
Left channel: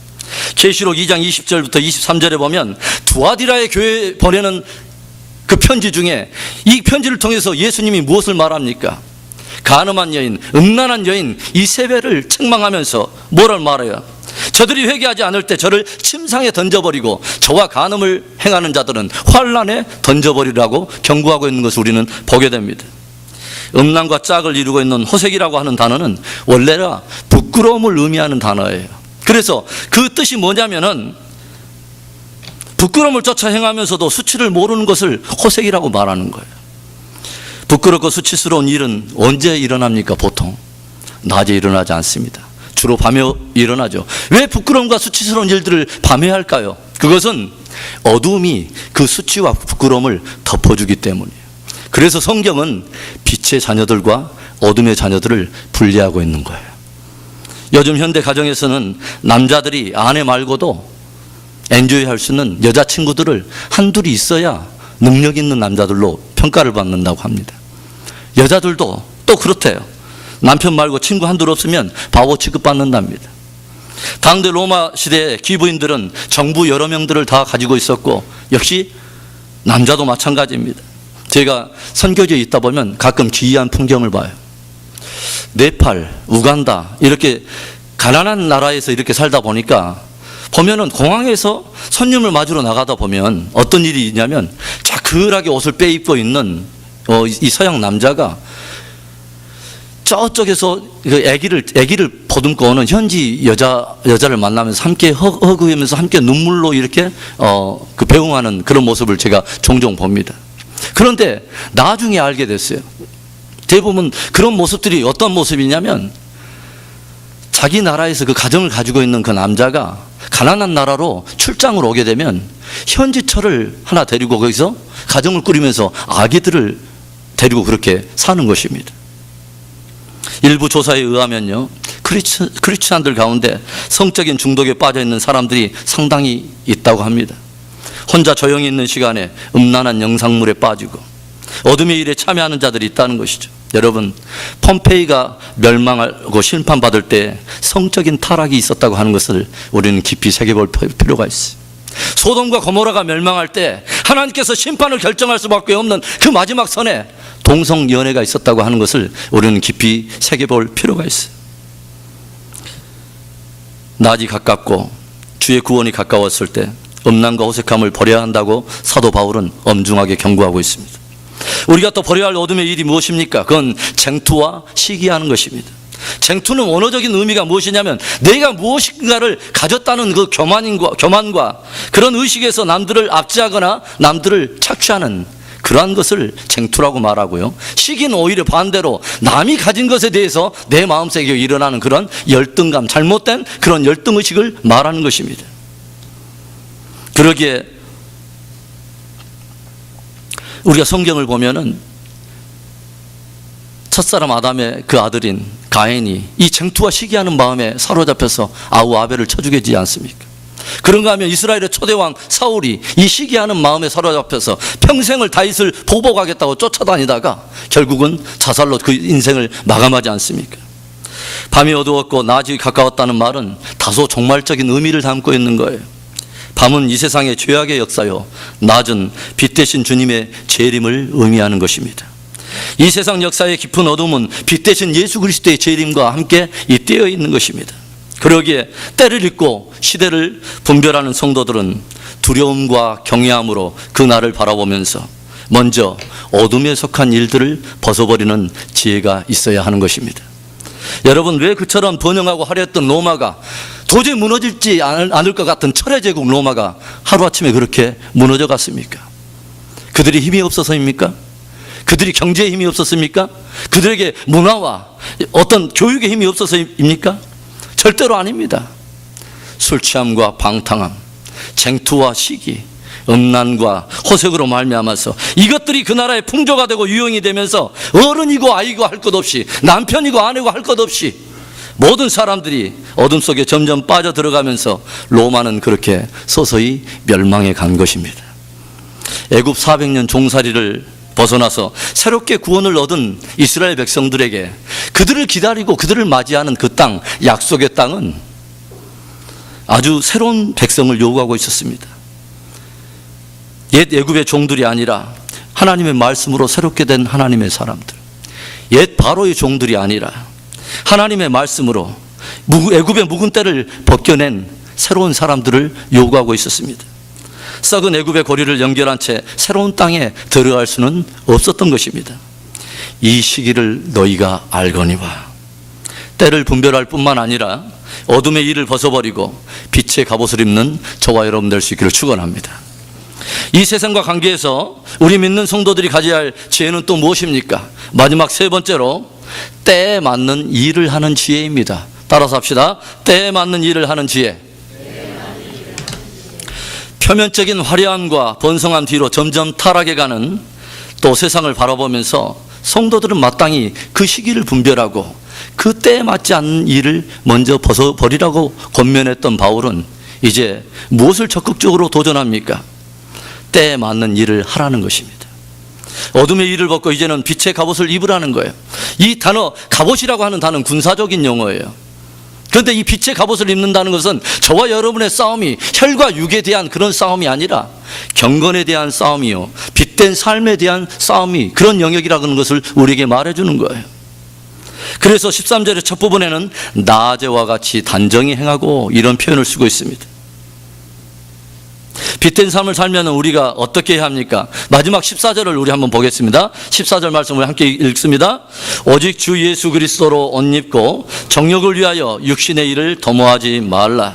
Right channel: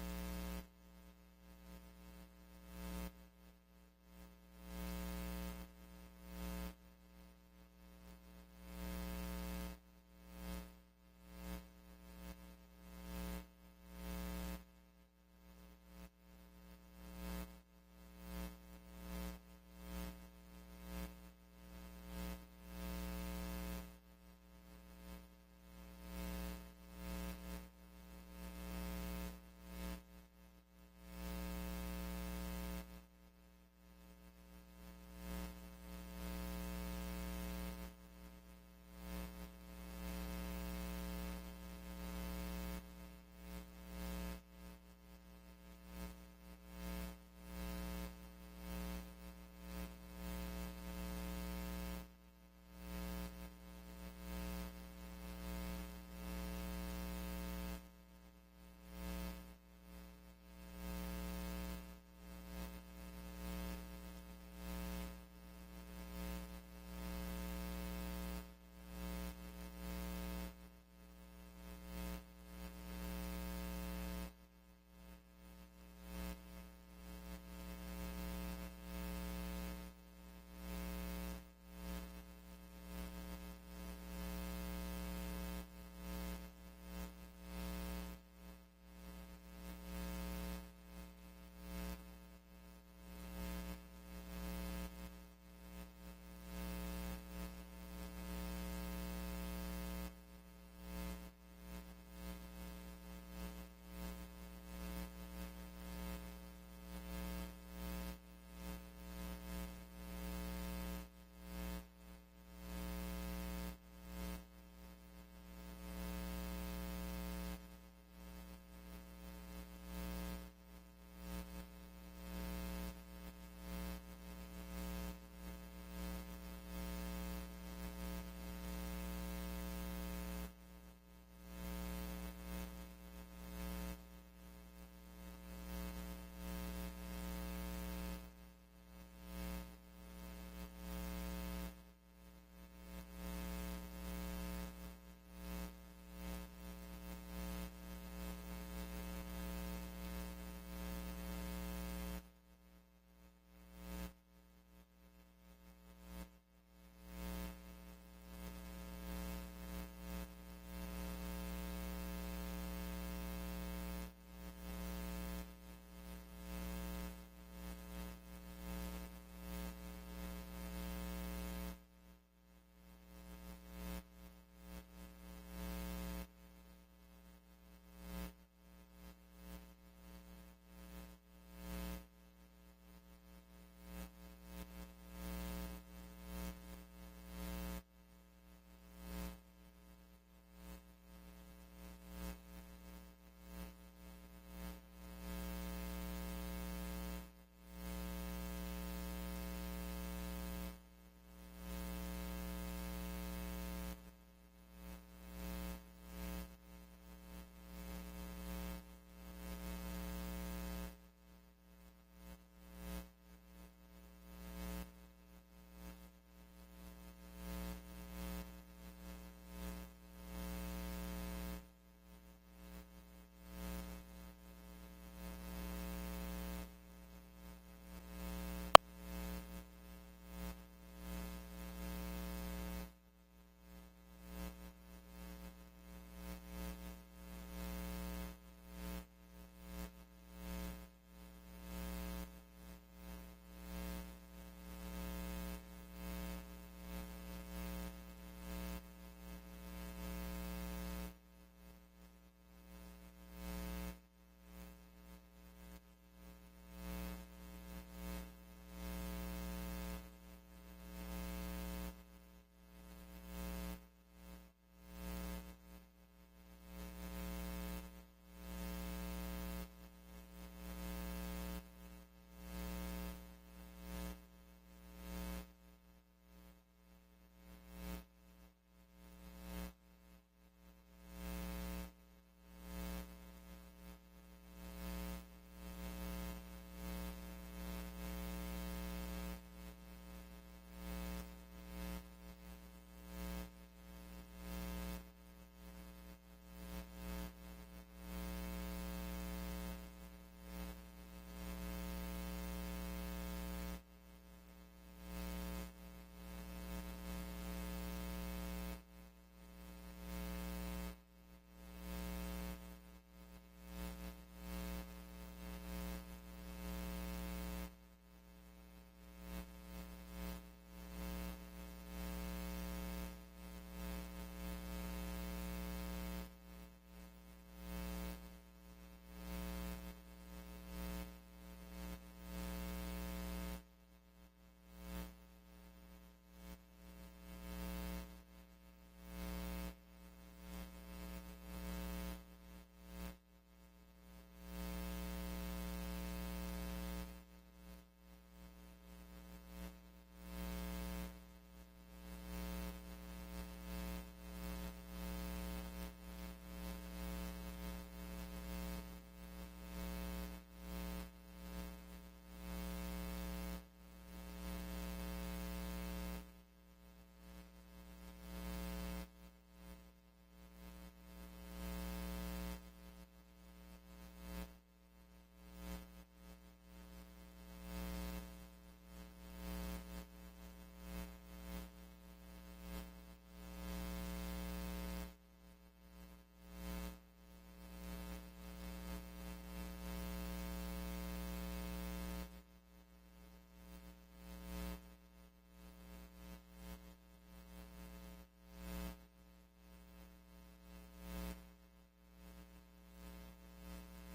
계시록 2장 20절부터 23절에 보면 두아디라의 교회에 보내는 그 편지 중에 이 편지를 통해서 예수님이 무엇을 말합니까? 가늠한 여인, 음란한 여인 이세벨을 책망하면서 뭐를 말해요? 저들이 회개하지 않을 때 저를 침상에 던져버리고 저와 간음을 행하는 자들은 환란에 던져버리라고 경고하고 있는 것을 우리는 보게 됩니다. 음란과 짝을 이루고 있는 호색이라고 하는 단어는 원래가 부끄러움을 의미하는 단어예요. 그래서 그 뜻이 뭐냐면은 부끄러움을 쫓아 행하면서도 수치를 모르는 것을 호색이라고 말하는 거예요. 부끄럽고 수치스러운 일은 언제 일어납니까? 보통 낮에 일어나지 않습니다. 주로 밤에 일어나죠. 왜 부끄러움과 수치스러운 일들을 밤에 할까요? 그것은 어두움이 그 수치와 부끄러움을 덮어주기 때문이에요. 그래서 성경은 빛의 자녀들과 어둠의 자녀들을 분리하고 있는 거예요. 요즘 현대 가정에서는 남자들이 아내 말고도 엔조이할 수 있는 여자친구들을 한둘이 있어야 능력 있는 남자들로 평가를 받는다고 합니다. 여자들도 또 그렇대요. 남편 말고 친구 한둘 없으면 바보 취급받는답니다. 당대 로마 시대의 귀부인들은 정부 여러 명들을 다 가지고 있었고 역시 남자도 마찬가지입니다. 제가 선교지에 있다 보면 가끔 기이한 풍경을 봐요. 네팔, 우간다 이렇게 가난한 나라에서 이렇게 살다 보니까 보면은 공항에서 손님을 맞으러 나가다 보면 어떤 일이 있냐면 자그하게 옷을 빼입고 있는 이 서양 남자가 저쪽에서 그 아기를 보듬고 오는 현지 여자를 만나면서 함께 허그하면서 함께 눈물로 이렇게 그 배웅하는 그런 모습을 제가 종종 봅니다. 그런데 나중에 알게 됐어요. 대부분 그런 모습들이 어떤 모습이냐면 자기 나라에서 그 가정을 가지고 있는 그 남자가 가난한 나라로 출장을 오게 되면 현지처를 하나 데리고 거기서 가정을 꾸리면서 아기들을 데리고 그렇게 사는 것입니다. 일부 조사에 의하면요, 크리스찬들 가운데 성적인 중독에 빠져 있는 사람들이 상당히 있다고 합니다. 혼자 조용히 있는 시간에 음란한 영상물에 빠지고 어둠의 일에 참여하는 자들이 있다는 것이죠. 여러분, 폼페이가 멸망하고 심판받을 때 성적인 타락이 있었다고 하는 것을 우리는 깊이 새겨볼 필요가 있어요. 소돔과 고모라가 멸망할 때 하나님께서 심판을 결정할 수밖에 없는 그 마지막 선에 동성연애가 있었다고 하는 것을 우리는 깊이 새겨볼 필요가 있어요. 낮이 가깝고 주의 구원이 가까웠을 때 음란과 호색함을 버려야 한다고 사도 바울은 엄중하게 경고하고 있습니다. 우리가 또 버려야 할 어둠의 일이 무엇입니까? 그건 쟁투와 시기하는 것입니다. 쟁투는 원어적인 의미가 무엇이냐면 내가 무엇인가를 가졌다는 그 교만과 그런 의식에서 남들을 압제하거나 남들을 착취하는 그러한 것을 쟁투라고 말하고요. 시기는 오히려 반대로 남이 가진 것에 대해서 내 마음속에 일어나는 그런 열등감, 잘못된 그런 열등의식을 말하는 것입니다. 그러기에 우리가 성경을 보면은 첫사람 아담의 그 아들인 가인이 이 쟁투와 시기하는 마음에 사로잡혀서 아우 아벨을 쳐 죽이지 않습니까? 그런가 하면 이스라엘의 초대왕 사울이 이 시기하는 마음에 사로잡혀서 평생을 다윗을 보복하겠다고 쫓아다니다가 결국은 자살로 그 인생을 마감하지 않습니까? 밤이 어두웠고 낮이 가까웠다는 말은 다소 종말적인 의미를 담고 있는 거예요. 밤은 이 세상의 죄악의 역사요, 낮은 빛 대신 주님의 재림을 의미하는 것입니다. 이 세상 역사의 깊은 어둠은 빛 대신 예수 그리스도의 재림과 함께 잇대어 있는 것입니다. 그러기에 때를 잊고 시대를 분별하는 성도들은 두려움과 경외함으로 그 날을 바라보면서 먼저 어둠에 속한 일들을 벗어버리는 지혜가 있어야 하는 것입니다. 여러분, 왜 그처럼 번영하고 화려했던 로마가 도저히 무너지지 않을 것 같은 철의 제국 로마가 하루아침에 그렇게 무너져 갔습니까? 그들이 힘이 없어서입니까? 그들이 경제에 힘이 없었습니까? 그들에게 문화와 어떤 교육에 힘이 없어서입니까? 절대로 아닙니다. 술 취함과 방탕함, 쟁투와 시기, 음란과 호색으로 말미암아서 이것들이 그 나라의 풍조가 되고 유형이 되면서 어른이고 아이고 할 것 없이, 남편이고 아내고 할 것 없이 모든 사람들이 어둠 속에 점점 빠져들어가면서 로마는 그렇게 서서히 멸망해 간 것입니다. 애굽 400년 종살이를 벗어나서 새롭게 구원을 얻은 이스라엘 백성들에게 그들을 기다리고 그들을 맞이하는 그 땅, 약속의 땅은 아주 새로운 백성을 요구하고 있었습니다. 옛 애굽의 종들이 아니라 하나님의 말씀으로 새롭게 된 하나님의 사람들, 옛 바로의 종들이 아니라 하나님의 말씀으로 애굽의 묵은 때를 벗겨낸 새로운 사람들을 요구하고 있었습니다. 썩은 애굽의 고리를 연결한 채 새로운 땅에 들어갈 수는 없었던 것입니다. 이 시기를 너희가 알거니와. 때를 분별할 뿐만 아니라 어둠의 일을 벗어버리고 빛의 갑옷을 입는 저와 여러분 될 수 있기를 축원합니다. 이 세상과 관계에서 우리 믿는 성도들이 가져야 할 지혜는 또 무엇입니까? 마지막 세 번째로 때에 맞는 일을 하는 지혜입니다. 따라서 합시다. 때에 맞는 일을 하는 지혜. 표면적인 화려함과 번성한 뒤로 점점 타락해가는 또 세상을 바라보면서 성도들은 마땅히 그 시기를 분별하고 그 때에 맞지 않는 일을 먼저 벗어버리라고 권면했던 바울은 이제 무엇을 적극적으로 도전합니까? 때에 맞는 일을 하라는 것입니다. 어둠의 일을 벗고 이제는 빛의 갑옷을 입으라는 거예요. 이 단어, 갑옷이라고 하는 단어는 군사적인 용어예요. 그런데 이 빛의 갑옷을 입는다는 것은 저와 여러분의 싸움이 혈과 육에 대한 그런 싸움이 아니라 경건에 대한 싸움이요, 빛된 삶에 대한 싸움이 그런 영역이라는 것을 우리에게 말해주는 거예요. 그래서 13절의 첫 부분에는 낮에와 같이 단정히 행하고 이런 표현을 쓰고 있습니다. 빛된 삶을 살면 우리가 어떻게 해야 합니까? 마지막 14절을 우리 한번 보겠습니다. 14절 말씀을 함께 읽습니다. 오직 주 예수 그리스도로 옷 입고 정욕을 위하여 육신의 일을 도모하지 말라.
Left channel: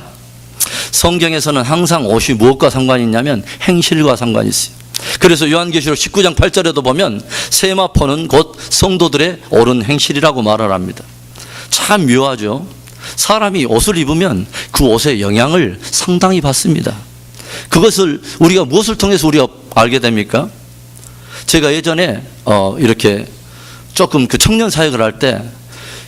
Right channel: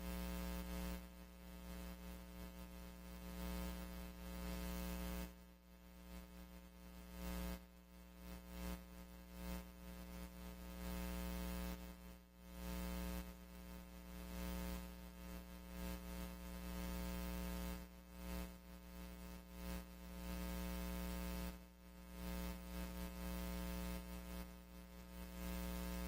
성경에서는 항상 옷이 무엇과 상관이 있냐면 행실과 상관이 있어요. 그래서 요한계시록 19장 8절에도 보면 세마포는 곧 성도들의 옳은 행실이라고 말을 합니다. 참 묘하죠. 사람이 옷을 입으면 그 옷의 영향을 상당히 받습니다. 그것을 우리가 무엇을 통해서 우리가 알게 됩니까? 제가 예전에 이렇게 조금 그 청년 사역을 할 때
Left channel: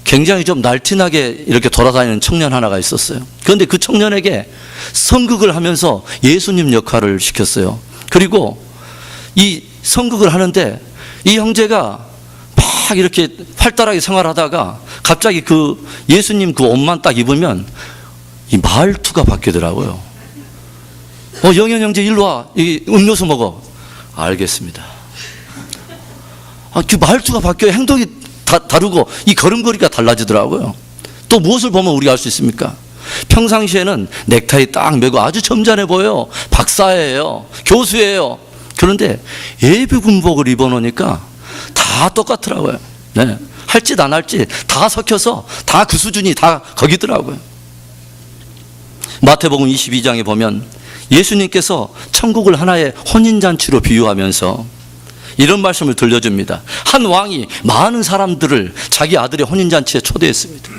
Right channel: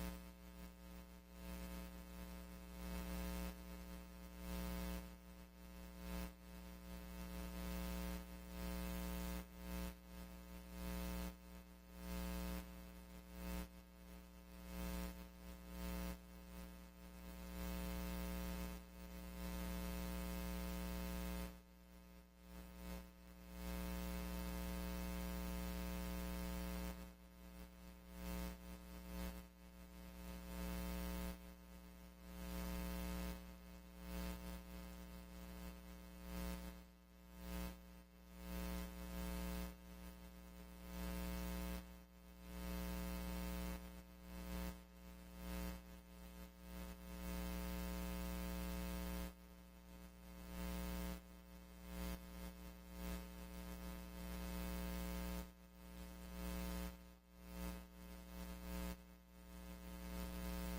굉장히 좀 날티나게 이렇게 돌아다니는 청년 하나가 있었어요. 그런데 그 청년에게 선극을 하면서 예수님 역할을 시켰어요. 그리고 이 선극을 하는데 이 형제가 막 이렇게 활달하게 생활하다가 갑자기 그 예수님 그 옷만 딱 입으면 이 말투가 바뀌더라고요. 영현 형제 일로 와. 이 음료수 먹어. 알겠습니다. 그 말투가 바뀌어요. 행동이 다르고 이 걸음걸이가 달라지더라고요. 또 무엇을 보면 우리가 알 수 있습니까? 평상시에는 넥타이 딱 매고 아주 점잖해 보여요. 박사예요. 교수예요. 그런데 예비 군복을 입어놓으니까 다 똑같더라고요. 네. 할 짓 안 할 짓 다 섞여서 다 그 수준이 다 거기더라고요. 마태복음 22장에 보면 예수님께서 천국을 하나의 혼인잔치로 비유하면서 이런 말씀을 들려줍니다. 한 왕이 많은 사람들을 자기 아들의 혼인잔치에 초대했습니다.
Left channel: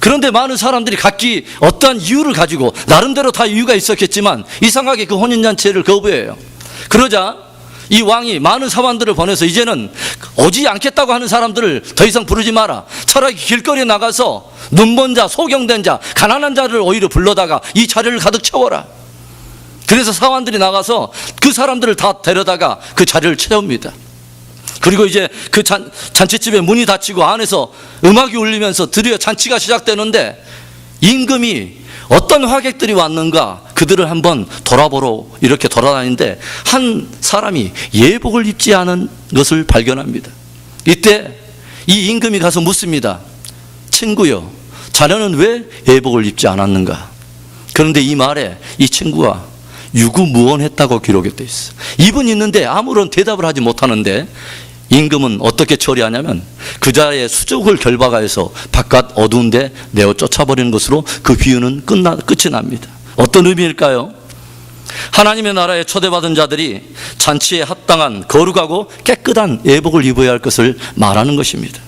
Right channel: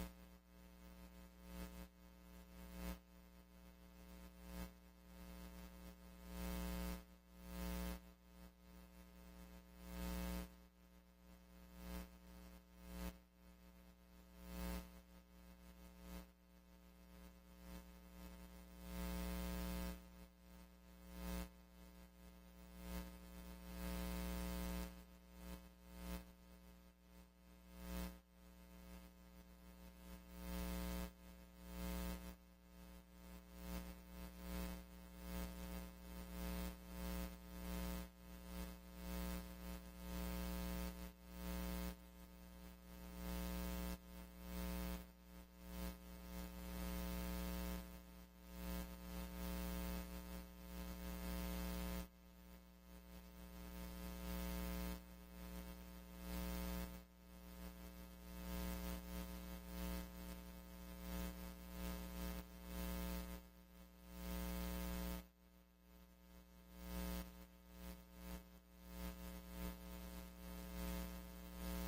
그런데 많은 사람들이 각기 어떠한 이유를 가지고 나름대로 다 이유가 있었겠지만 이상하게 그 혼인잔치를 거부해요. 그러자 이 왕이 많은 사관들을 보내서 이제는 오지 않겠다고 하는 사람들을 더 이상 부르지 마라. 차라리 길거리에 나가서 눈먼 자, 소경된 자, 가난한 자를 오히려 불러다가 이 자리를 가득 채워라. 그래서 사관들이 나가서 그 사람들을 다 데려다가 그 자리를 채웁니다. 그리고 이제 그 잔치집에 문이 닫히고 안에서 음악이 울리면서 드디어 잔치가 시작되는데 임금이 어떤 화객들이 왔는가 그들을 한번 돌아보러 이렇게 돌아다니는데 한 사람이 예복을 입지 않은 것을 발견합니다. 이때 이 임금이 가서 묻습니다. 친구요, 자네는 왜 예복을 입지 않았는가? 그런데 이 말에 이 친구가 유구무원했다고 기록이 되어 있어요. 입은 있는데 아무런 대답을 하지 못하는데 임금은 어떻게 처리하냐면 그 자의 수족을 결박하여서 바깥 어두운 데 내어 쫓아버리는 것으로 그 비유는 끝이 납니다. 어떤 의미일까요? 하나님의 나라에 초대받은 자들이 잔치에 합당한 거룩하고 깨끗한 예복을 입어야 할 것을 말하는 것입니다.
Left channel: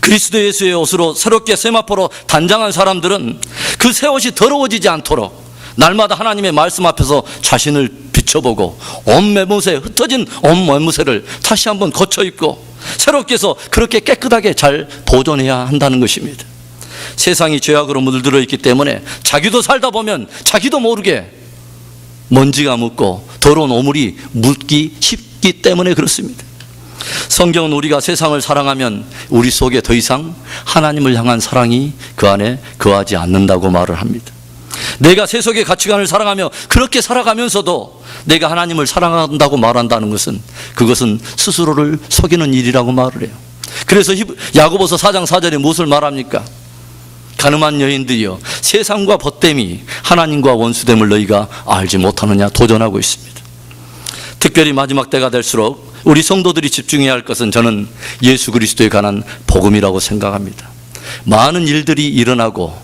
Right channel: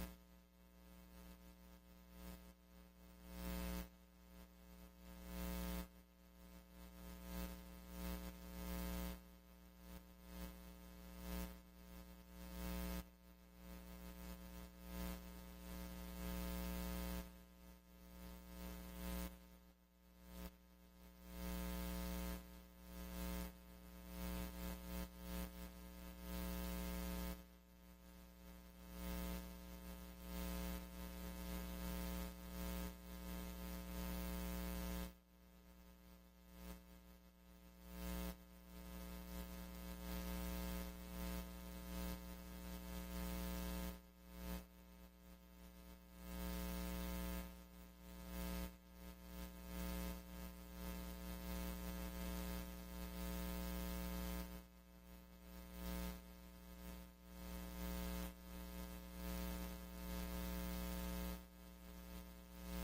그리스도 예수의 옷으로 새롭게 세마포로 단장한 사람들은 그 새 옷이 더러워지지 않도록 날마다 하나님의 말씀 앞에서 자신을 비춰보고 온 매무새, 흩어진 온 매무새를 다시 한번 거쳐 입고 새롭게 해서 그렇게 깨끗하게 잘 보존해야 한다는 것입니다. 세상이 죄악으로 물들어 있기 때문에 자기도 살다 보면 자기도 모르게 먼지가 묻고 더러운 오물이 묻기 쉽기 때문에 그렇습니다. 성경은 우리가 세상을 사랑하면 우리 속에 더 이상 하나님을 향한 사랑이 그 안에 거하지 않는다고 말을 합니다. 내가 세속의 가치관을 사랑하며 그렇게 살아가면서도 내가 하나님을 사랑한다고 말한다는 것은 그것은 스스로를 속이는 일이라고 말을 해요. 그래서 야고보서 4장 4절에 무엇을 말합니까? 가늠한 여인들이여, 세상과 벗됨이 하나님과 원수됨을 너희가 알지 못하느냐 도전하고 있습니다. 특별히 마지막 때가 될수록 우리 성도들이 집중해야 할 것은 저는 예수 그리스도에 관한 복음이라고 생각합니다. 많은 일들이 일어나고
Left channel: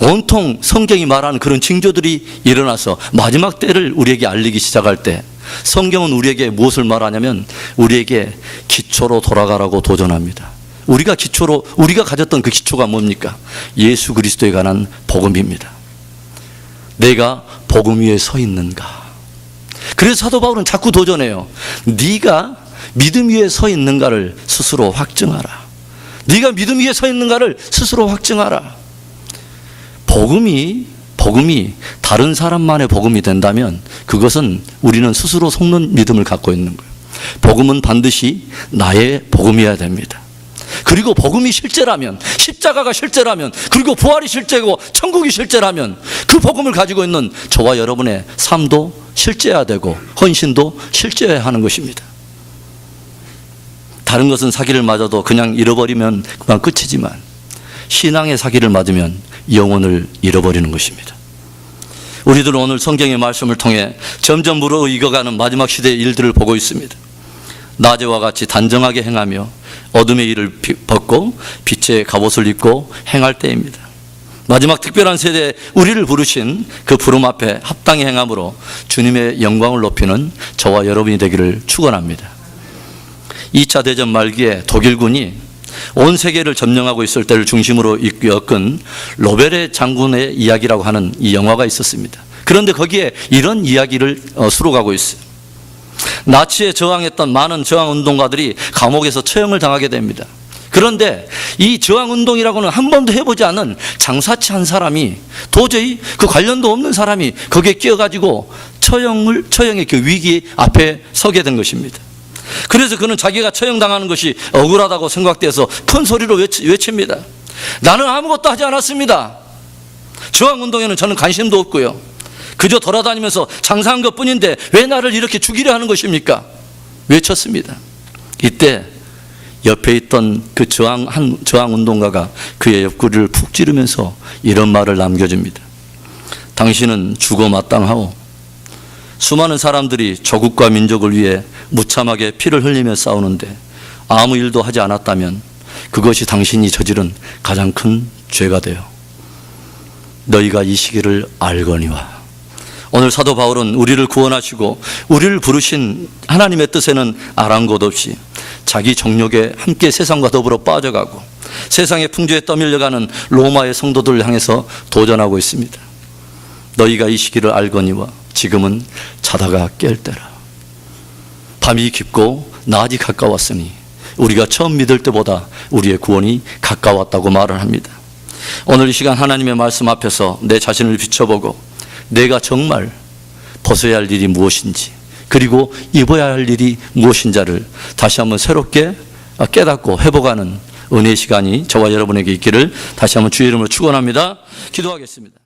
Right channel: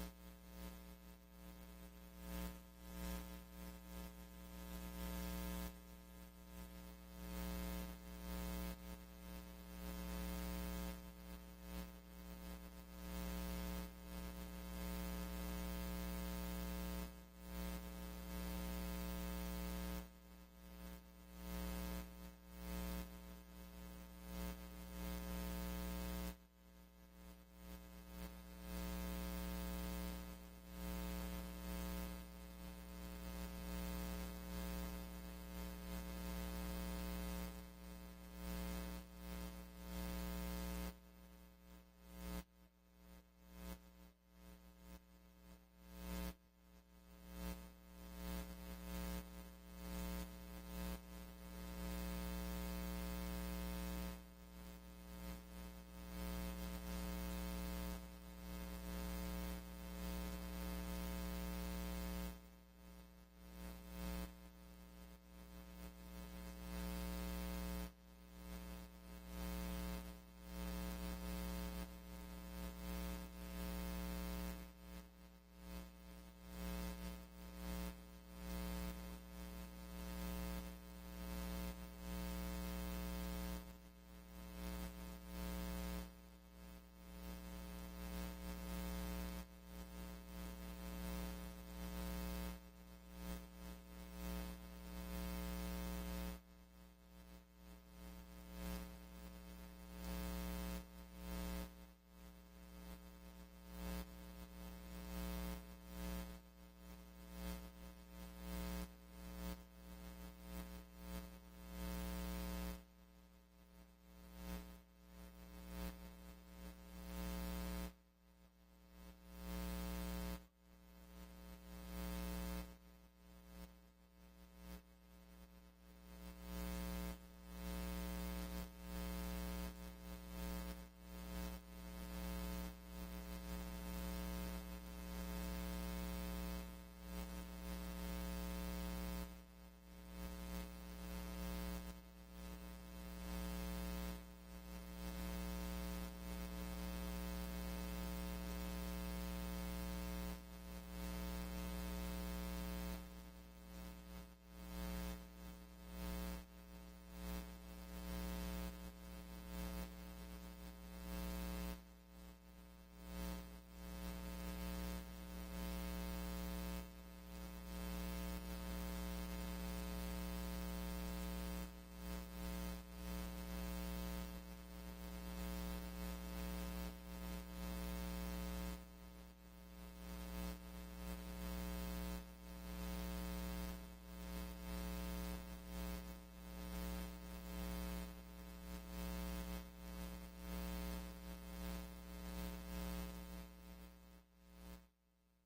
온통 성경이 말하는 그런 징조들이 일어나서 마지막 때를 우리에게 알리기 시작할 때 성경은 우리에게 무엇을 말하냐면 우리에게 기초로 돌아가라고 도전합니다. 우리가 가졌던 그 기초가 뭡니까? 예수 그리스도에 관한 복음입니다. 내가 복음 위에 서 있는가? 그래서 사도 바울은 자꾸 도전해요. 네가 믿음 위에 서 있는가를 스스로 확증하라. 네가 믿음 위에 서 있는가를 스스로 확증하라. 복음이 다른 사람만의 복음이 된다면 그것은 우리는 스스로 속는 믿음을 갖고 있는 거예요. 복음은 반드시 나의 복음이어야 됩니다. 그리고 복음이 실제라면, 십자가가 실제라면, 그리고 부활이 실제고 천국이 실제라면 그 복음을 가지고 있는 저와 여러분의 삶도 실제해야 되고 헌신도 실제해야 하는 것입니다. 다른 것은 사기를 맞아도 그냥 잃어버리면 그만 끝이지만 신앙의 사기를 맞으면 영혼을 잃어버리는 것입니다. 우리들은 오늘 성경의 말씀을 통해 점점 무르익어가는 마지막 시대의 일들을 보고 있습니다. 낮에와 같이 단정하게 행하며 어둠의 일을 벗고 빛의 갑옷을 입고 행할 때입니다. 마지막 특별한 세대에 우리를 부르신 그 부름 앞에 합당히 행함으로 주님의 영광을 높이는 저와 여러분이 되기를 축원합니다. 2차 대전 말기에 독일군이 온 세계를 점령하고 있을 때를 중심으로 엮은 로베르 장군의 이야기라고 하는 이 영화가 있었습니다. 그런데 거기에 이런 이야기를 수록하고 있어요. 나치에 저항했던 많은 저항운동가들이 감옥에서 처형을 당하게 됩니다. 그런데 이 저항운동이라고는 한 번도 해보지 않은 장사치 한 사람이, 도저히 그 관련도 없는 사람이 거기에 끼어가지고 처형의 그 위기 앞에 서게 된 것입니다. 그래서 그는 자기가 처형당하는 것이 억울하다고 생각돼서 큰 소리로 외칩니다. 나는 아무것도 하지 않았습니다. 저항운동에는 저는 관심도 없고요. 그저 돌아다니면서 장사한 것뿐인데 왜 나를 이렇게 죽이려 하는 것입니까? 외쳤습니다. 이때 옆에 있던 그 저항운동가가 그의 옆구리를 푹 찌르면서 이런 말을 남겨줍니다. 당신은 죽어 마땅하오. 수많은 사람들이 조국과 민족을 위해 무참하게 피를 흘리며 싸우는데 아무 일도 하지 않았다면 그것이 당신이 저지른 가장 큰 죄가 되어 너희가 이 시기를 알거니와. 오늘 사도 바울은 우리를 구원하시고 우리를 부르신 하나님의 뜻에는 아랑곳 없이 자기 정욕에 함께 세상과 더불어 빠져가고 세상의 풍조에 떠밀려가는 로마의 성도들을 향해서 도전하고 있습니다. 너희가 이 시기를 알거니와 지금은 자다가 깰 때라. 밤이 깊고 낮이 가까웠으니 우리가 처음 믿을 때보다 우리의 구원이 가까웠다고 말을 합니다. 오늘 이 시간 하나님의 말씀 앞에서 내 자신을 비춰보고 내가 정말 벗어야 할 일이 무엇인지 그리고 입어야 할 일이 무엇인지를 다시 한번 새롭게 깨닫고 회복하는 은혜의 시간이 저와 여러분에게 있기를 다시 한번 주의 이름으로 축원합니다. 기도하겠습니다.